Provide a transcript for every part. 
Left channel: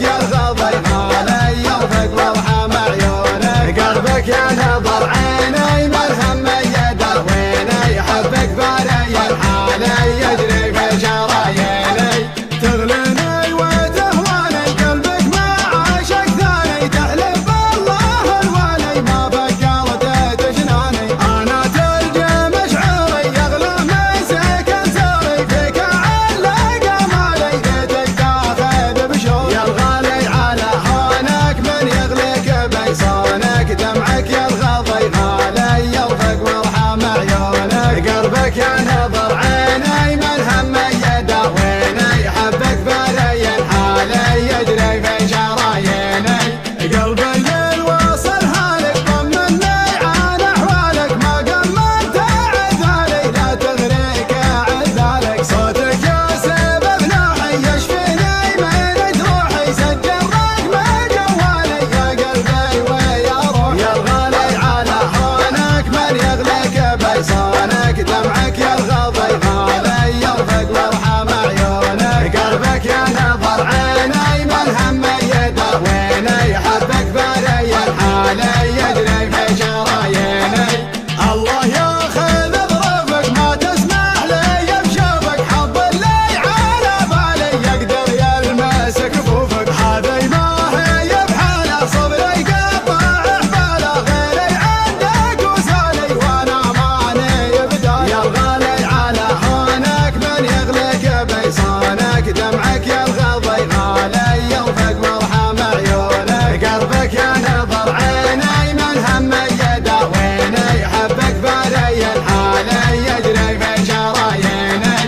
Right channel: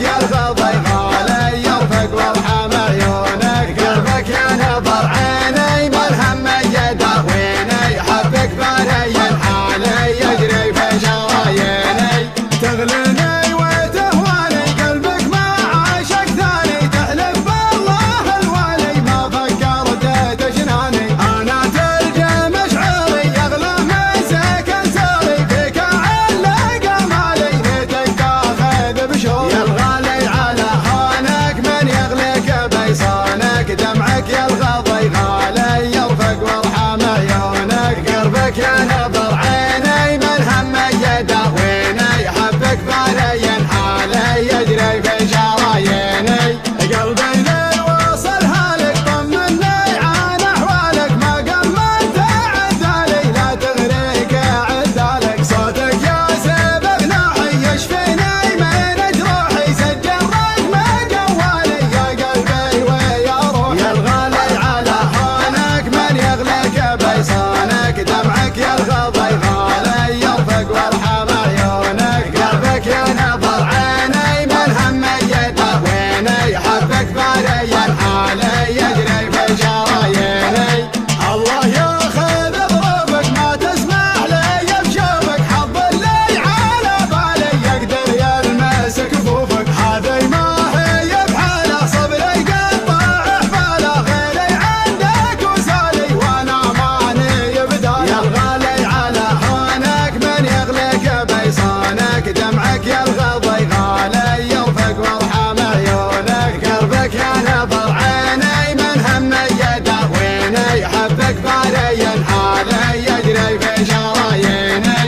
دمعك يرغض يغالي يرفق وارحم عيونك قلبك ينظر عيني ملهم يداويني حبك باري حالي يجري في شراييني تغليني وتهواني قلبك ما عاشق ثاني تحلف بالله الوالي ما فكرت تجناني انا تلقى مشعري يغلى من سكن سري فيك علق مالي ليتك تاخذ بشوق يا الغالي على هونك من يغلق بيصانك دمعك يرغض يغالي يرفق وارحم عيونك قلبك ينظر عيني من هم يداويني حبك باري حالي يجري في شراييني قلبي ذي وصل هالك طمني عن احوالك ما قمنت عذالي لا تغريك عذالك صوتك يا سبب نوحي يشفيني من جروحي سجل رقم جوالي يا قلبي ويا روحي يا الغالي على هونك من يغلق بيصانك دمعك يرغض يغالي يرفق وارحم عيونك قلبك ينظر عيني من هم يداويني حبك باري حالي يجري في شراييني الله ياخذ ظروفك ما تسمح لي بشوفك حظ اللي على بالي يقدر يلمس كفوفك هذي ما هي بحاله صبري قطع حباله غيري عندك وسالي وانا ماني بدايه يا الغالي على هونك من يغلق بيصانك دمعك يرغض يغالي يرفق وارحم عيونك قلبك ينظر عيني من هم يداويني حبك باري حالي يجري في شراييني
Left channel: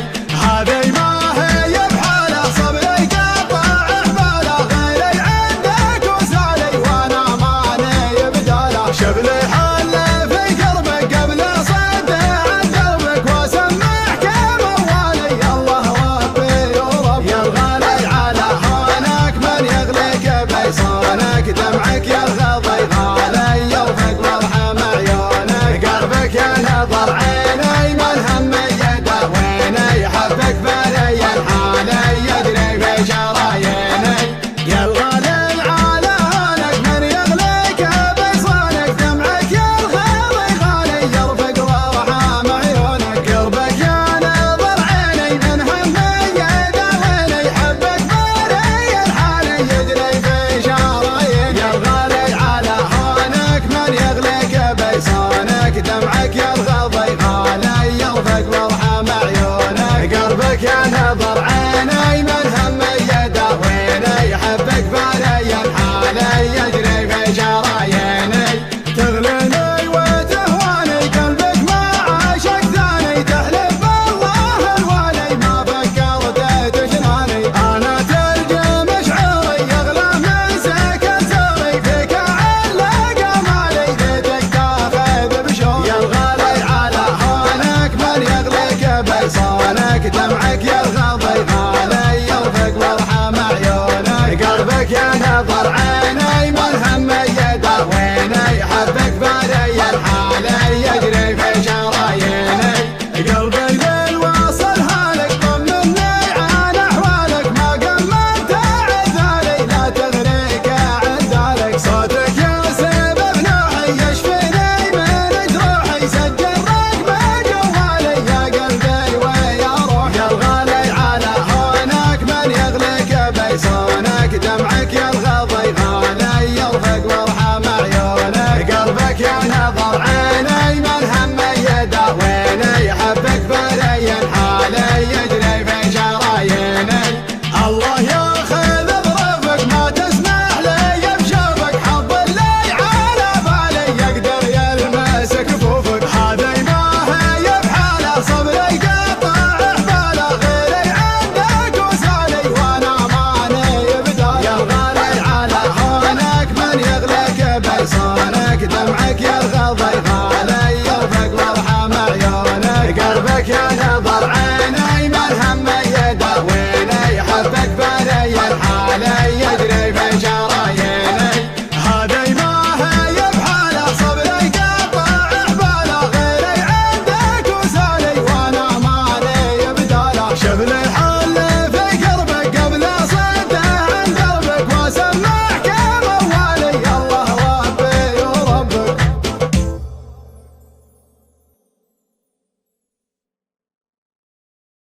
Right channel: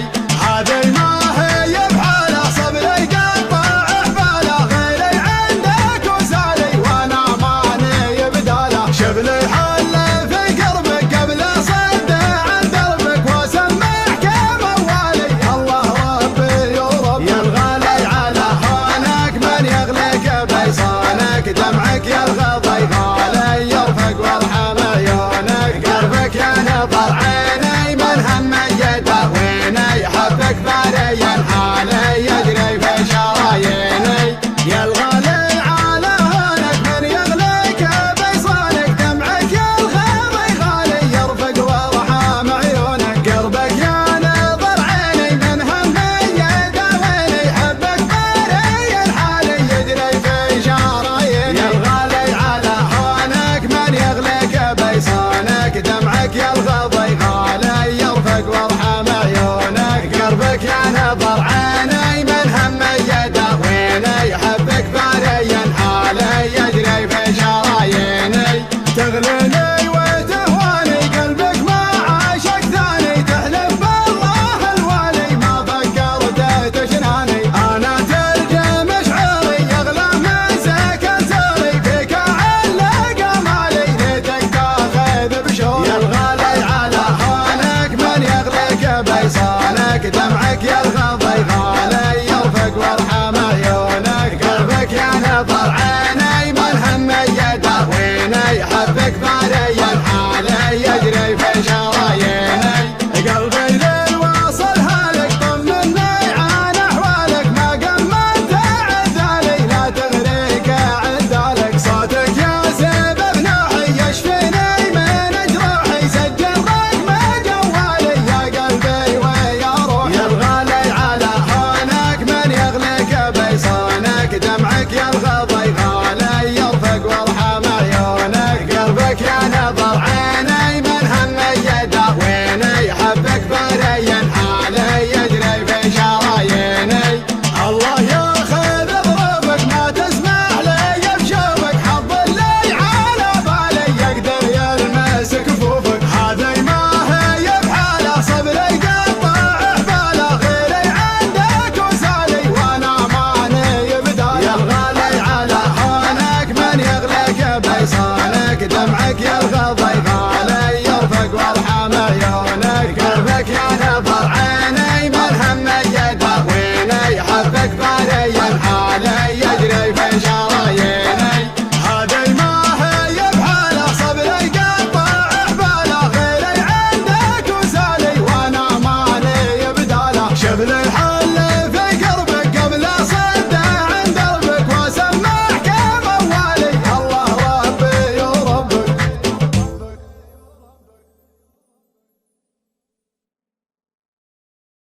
هذي ما هي بحاله صبري قطع حباله غيري عندك وسالي وانا ماني بداله شبلي حل في قربك قبل صد عن دربك واسمعك موالي الله ربي ورب يا الغالي على هونك من يغلق بيصانك دمعك يرغض يغالي يرفق وارحم عيونك قلبك ينظر عيني من هم يداويني حبك باري حالي يجري في شراييني يا الغالي على هونك من يغلق بيصانك دمعك يرغض يغالي يرفق وارحم عيونك قلبك ينظر عيني من هم يداويني حبك باري حالي يجري في شراييني يا الغالي على هونك من يغلق بيصانك دمعك يرغض يغالي يرفق وارحم عيونك قلبك ينظر عيني من هم يداويني حبك باري حالي يجري في شراييني تغليني وتهواني قلبك ما عاشق ثاني تحلف بالله الوالي ما فكرت تجناني انا تلقى مشعري يغلى من سكن سري فيك علق مالي ليتك تاخذ بشوق يا الغالي على هونك من يغلق بيصانك دمعك يرغض يغالي يرفق وارحم عيونك قلبك ينظر عيني من هم يداويني حبك باري حالي يجري في شراييني قلبي ذي وصل هالك طمني عن احوالك ما قمنت عذالي لا تغريك عذالك صوتك يا سبب نوحي يشفيني من جروحي سجل رقم جوالي يا قلبي ويا روحي يا الغالي على هونك من يغلق بيصانك دمعك يرغض يغالي يرفق وارحم عيونك قلبك ينظر عيني من هم يداويني حبك باري حالي يجري في شراييني الله ياخذ ظروفك ما تسمح لي بشوفك حظ اللي على بالي يقدر يلمس كفوفك هذي ما هي بحاله صبري قطع حباله غيري عندك وسالي وانا ماني بدايه يا الغالي على هونك من يغلق بيصانك دمعك يرغض يغالي يرفق وارحم عيونك قلبك ينظر عيني من هم يداويني حبك باري حالي يجري في شراييني هذي ما هي بحاله صبري قطع حباله غيري عندك وسالي وانا ماني بداله شبل الحال